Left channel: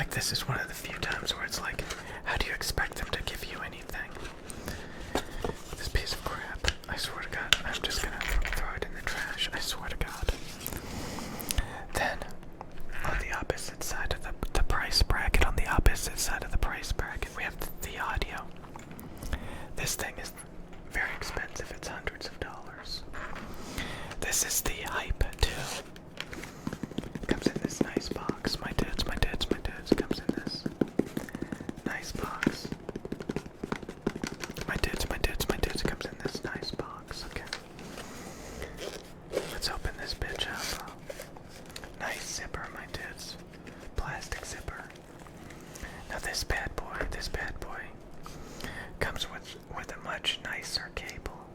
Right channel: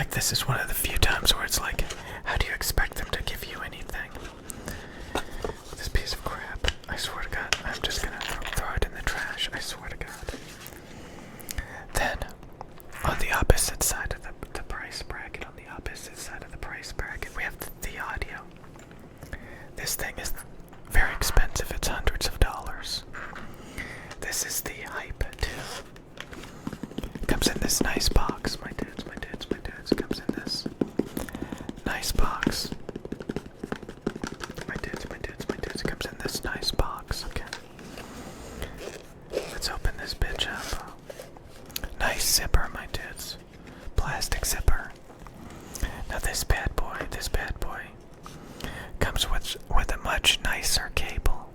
Like, this is one of the few times where it's like, how do you expect them to give you anything? This piece of crap, I swear to God, I'm just gonna throw it in the trash, I swear to God. Then, on the opposite side of the price bracket, we have the audio. This thing is very expensive, it's hundreds of dollars. This is the Hype 2. It comes in this nice box, my dudes. It comes in this nice box. My dudes, it comes in this nice box, okay. Let's open this bitch up. Nice zipper, my dudes. Plastic zipper. Now this bad boy comes with a much nicer cable.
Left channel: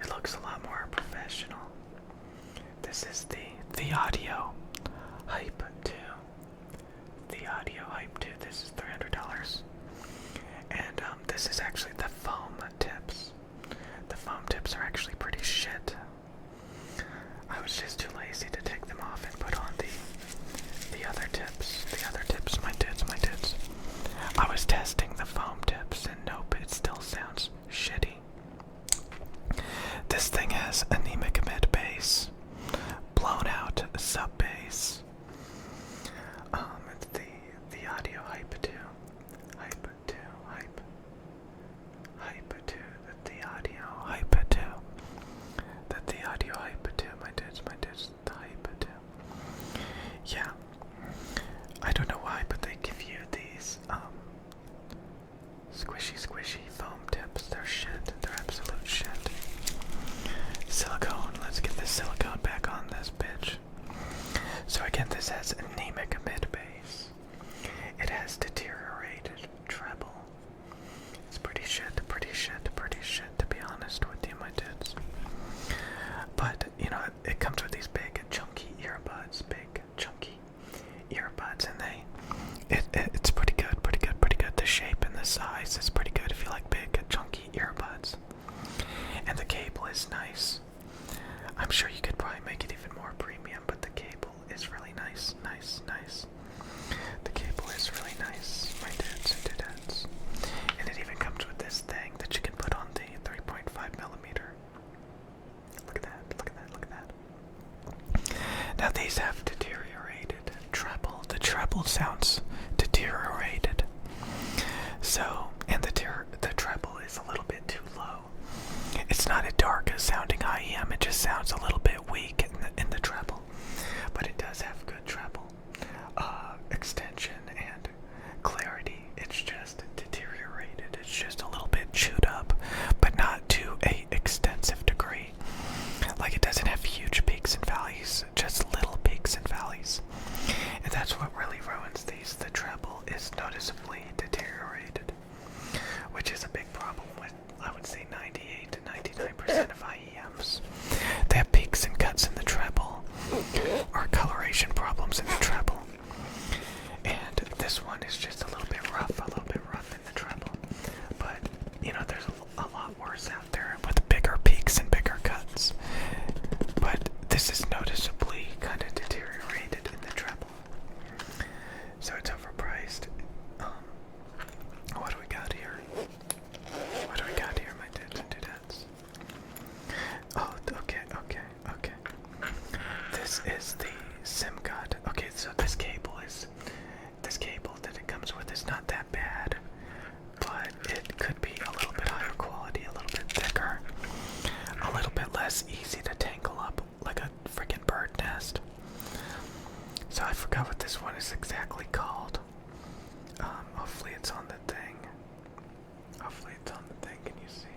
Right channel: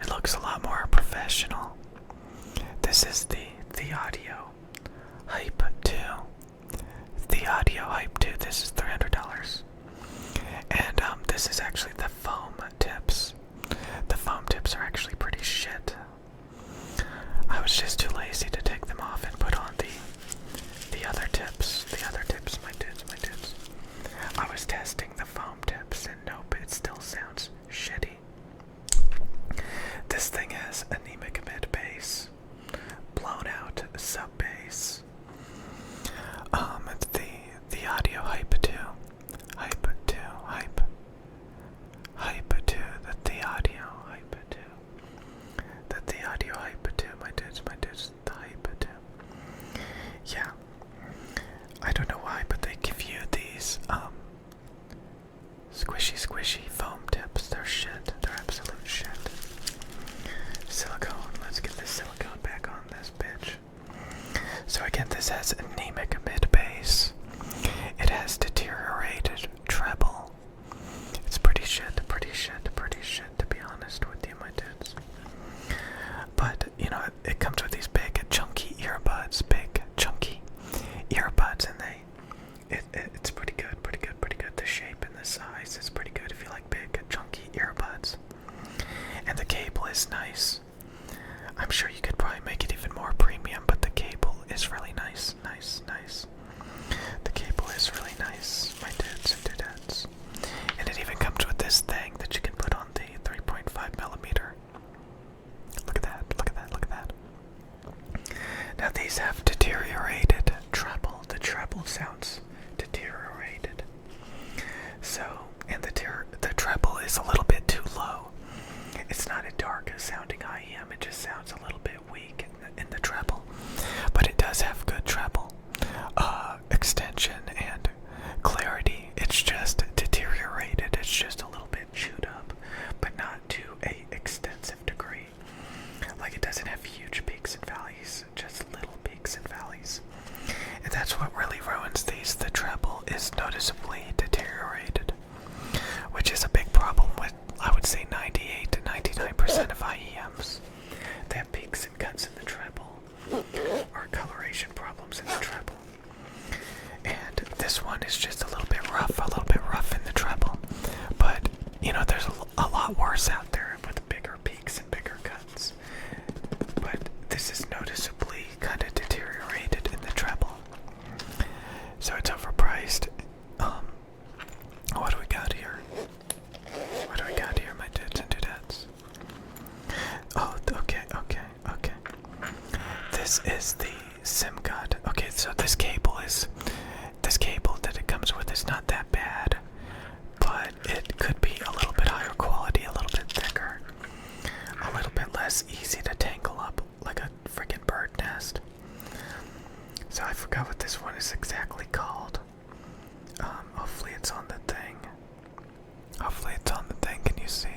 It looks a lot more professional. This is the Audio Hype 2. The Audio Hype 2. This is $300. And this is actually the foam tips. The foam tips are actually pretty shit. I was just too lazy to take them off and put on the other tips. My dudes. I was testing the foam tips and nope, it still sounds shitty. This thing has anemic mid bass, blown out sub bass. It's the Audio Hype 2. Hype 2. The Audio Hype 2. The Audio Hype 2, my dudes, the Hype 2. Yeah. I don't know why, but they give you these squishy foam tips. They're shit. They're absolute shit. Silicone. Let's get this silicone back on this bitch. So again, this has anemic mid bass. It has deteriorated treble. It's pretty shit, to be honest with you, my dudes. But, you know, it comes with these big, chunky earbuds, and it's pretty good. The shape and the size is pretty good if you like big, chunky earbuds. And the cable is nice. I'm sure you could probably make it even more premium, but the cable is really nice. The cable is really nice, my dudes and dudettes. And it even comes with this thing that you can put on the 3.5mm. Look at that. Now these have deteriorated treble. The treble sounds deteriorated. So, and the treble is a little bit too low. It's not a dark sounding IEM, it just sounds a little bit weak in the treble. But it does have good treble extension and clarity. It's just deteriorated. It's just a little bit chewed up, but not to a extensive degree. Like, it doesn't have huge peaks and valleys, just little peaks and valleys. And that's what really ruins these. The treble is noticeably deteriorated, which is a big problem with, I would say, 98 to 99% of IEMs. They have peaks and cuts in the treble, or coloration problems in the treble. And this one is just a little bit rough in the treble. But, you know, there's a lot worse out there with bigger peaks and bigger cuts. But this is noticeably kind of deteriorated in the treble. So it's overpriced. What do we got here? My dudes and dudettes? Oh, okay. This is the SIM card. Okay, so this cable that it comes with is not that bad, but it could be a little bit higher quality, a little bit thicker, a little bit less easy to tangle up like a freaking bird nest. So I forgot what this one is exactly called. Hopefully it's on the thing. Can you see?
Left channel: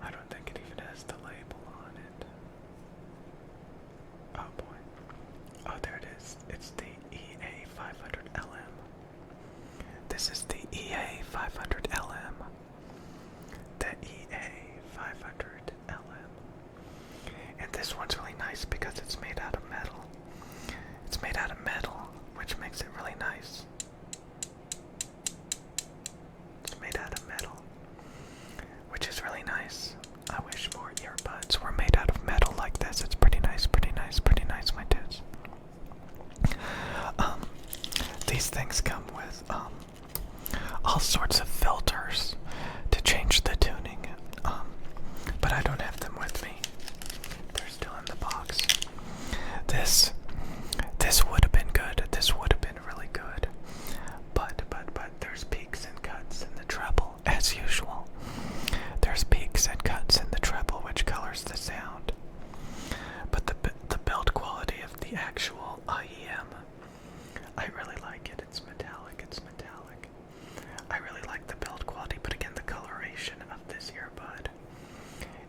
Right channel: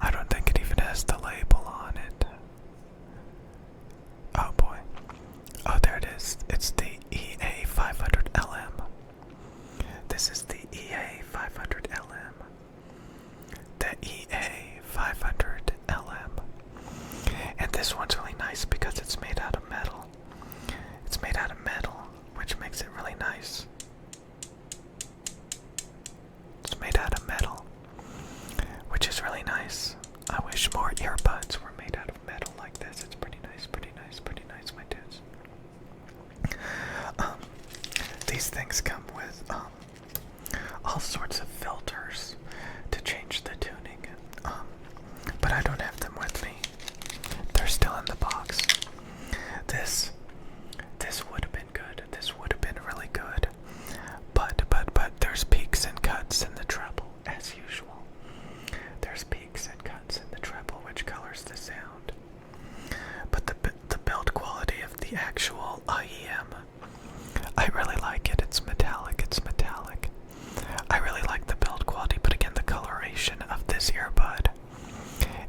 I don't think it even has the label on it. Oh boy. Oh, there it is. It's the EA500LM. This is the EA500LM. The EA500LM. And this one's really nice because it's made out of metal. Which makes it really nice. It's made out of metal, which is really nice. I wish more earbuds were made out of metal like this. It's pretty nice, my dudes.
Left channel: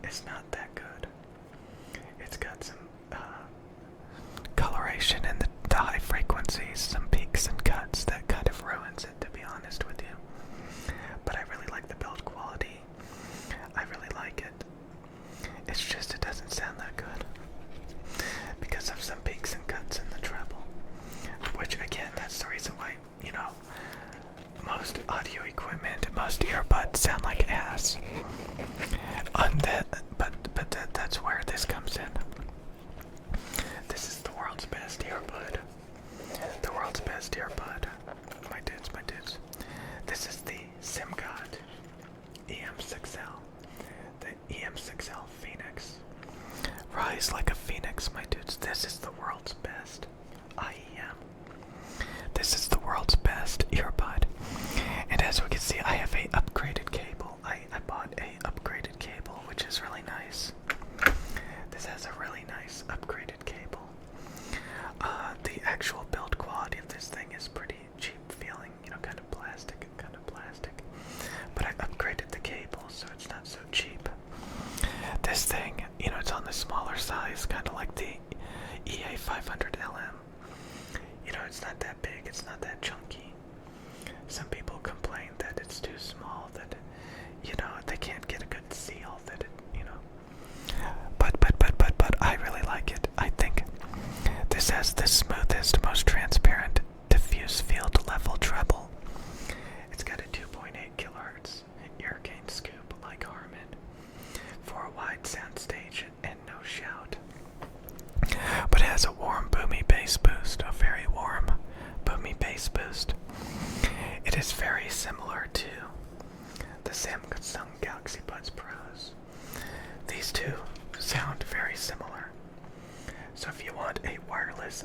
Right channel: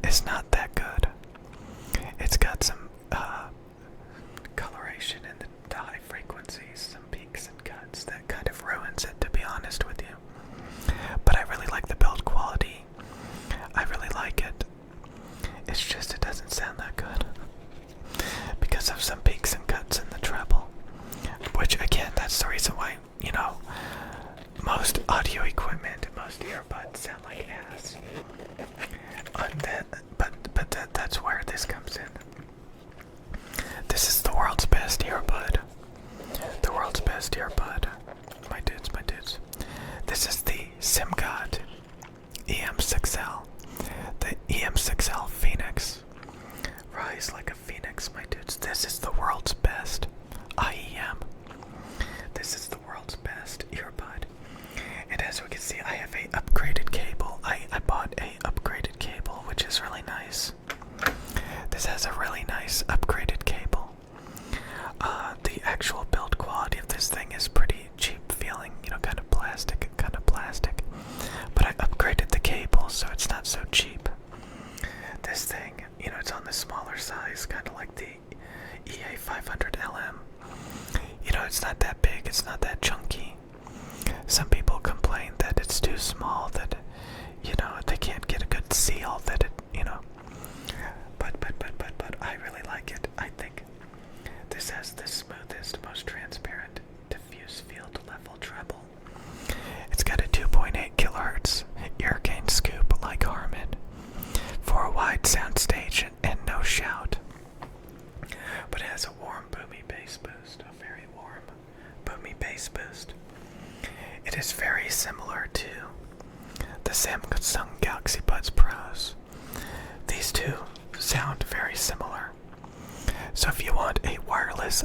is not that good. It's got some coloration in the high frequencies, some peaks and cuts that kind of ruins it, to be honest with you. But I really like the build quality. I really like it. It's just it doesn't sound that good because of some peaks and cuts in the treble. Which again, that's the reason why, you know, most audio equipment, most earbuds sound like ass. That's where this comes in. This is the world's best earbud. The world's best earbud. My dudes, my dudes. This is the SimGod EM6L. The EM6L Phoenix. Rise like a phoenix, my dudes. This is the world's best IEM. This is the world's best earbud. And as we can see, I have a upgraded cable. I bought a upgraded cable, which is really nice. This has a really nice upgraded cable. The actual build quality of this thing is pretty cheap feeling, you know, kind of plastic. But I upgraded the cable, so it's not so cheap. This thing, you know, it's on the smaller size, kind of like the EA500LM. You know, it's not that big, it's not that chunky. Some people complain that it's too small, that, you know, they can't get a good seal, that it, you know. But I really like it. I think this has the smoothest, most transparent, diffuse field level treble. It's got a 2.8 kilohertz ear gain scoop like Harman for a wide sound stage and no shout. But it has a warm, boomy bass boost, a very warm, boomy bass boost. It is very similar to the Samsung Galaxy Buds Pros. These two sound very similar. So if you want a wireless,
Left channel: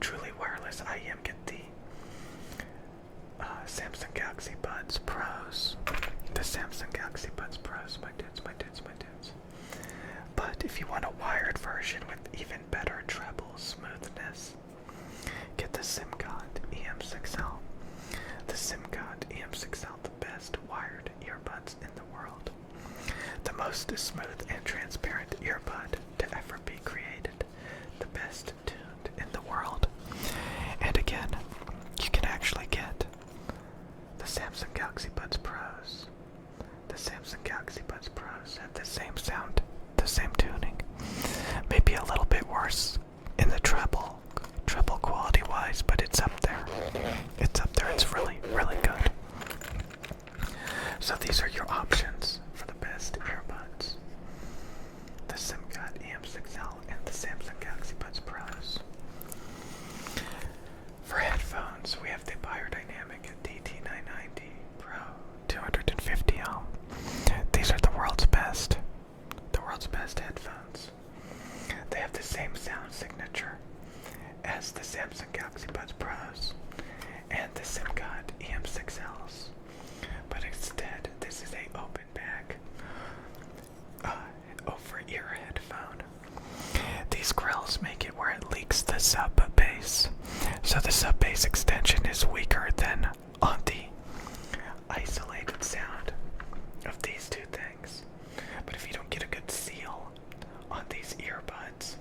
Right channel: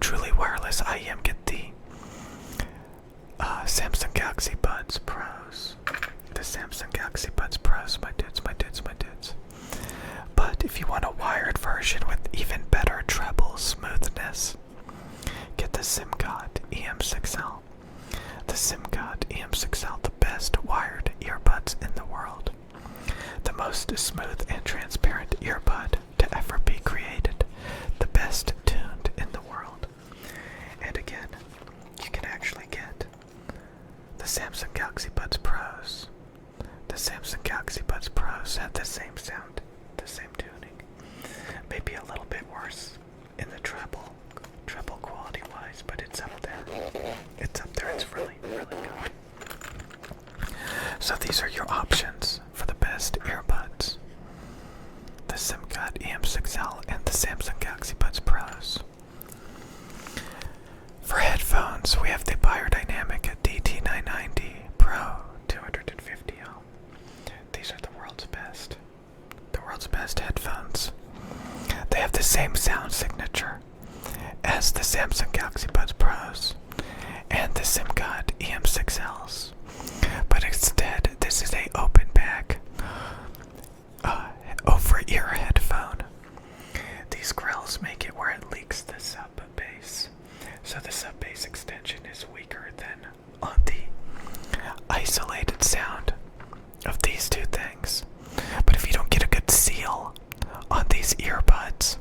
truly wireless IEM, get the Samsung Galaxy Buds Pros. The Samsung Galaxy Buds Pros, my dudes. But if you want a wired version with even better treble smoothness, get the SimGod EM6L. The SimGod EM6L, the best wired earbuds in the world. The most smooth and transparent earbud to ever be created. The best tuned in the world. And again, you can actually get the Samsung Galaxy Buds Pros. The Samsung Galaxy Buds Pros have the same sound, the same tuning. Maybe a little bit worse in the treble quality wise, but it's up there. It's really, really good. So these are your options for the best earbuds. The SimGod EM6L and the Samsung Galaxy Buds Pros. For headphones, we have the Biodynamic DT990 Pro 250 ohm. These are the world's best headphones. They have the same sound signature as the Samsung Galaxy Buds Pros and the SimGod EM6Ls. But instead, this is a open back over-ear headphone. These grills make it where it leaks the sub bass. So the sub bass extension is weaker than on the isolated sound of these two things. But if you don't get a good seal on these earbuds,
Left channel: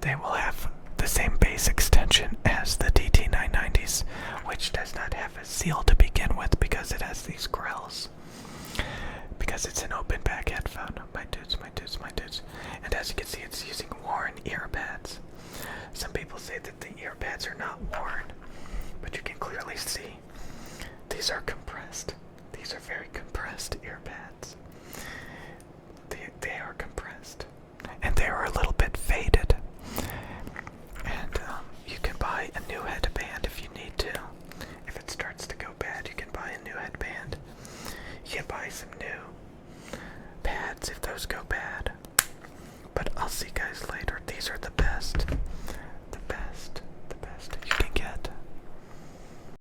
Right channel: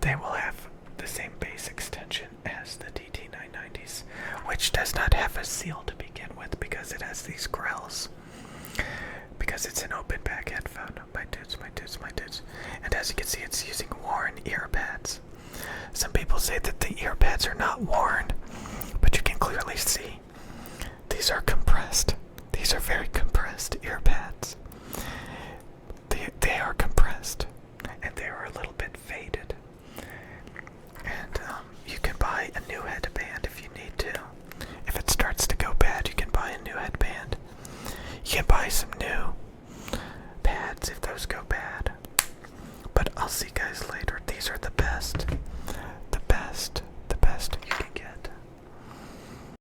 they will have the same bass extension as the DT990s, which does not have a seal to begin with because it has these grills. Because it's an open back headphone, my dudes. And as you can see, it's using worn ear pads. Some people say that the ear pads are not worn, but you can clearly see these are compressed. These are very compressed ear pads. They are compressed, and they are a little bit faded. And you can buy a new headband if you need to. If it starts to go bad, you can buy a new headband. You can buy some new pads if those go bad. But I'll see you guys later. These are the best you can get.